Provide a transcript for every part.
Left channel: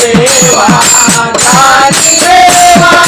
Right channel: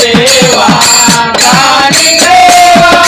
देवा काली देवा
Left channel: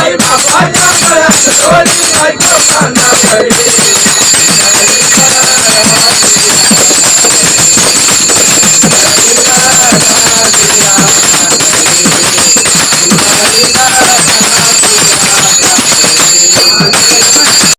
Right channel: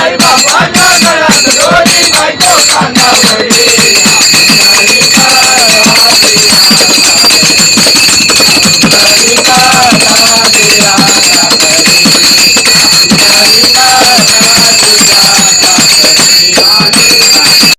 আই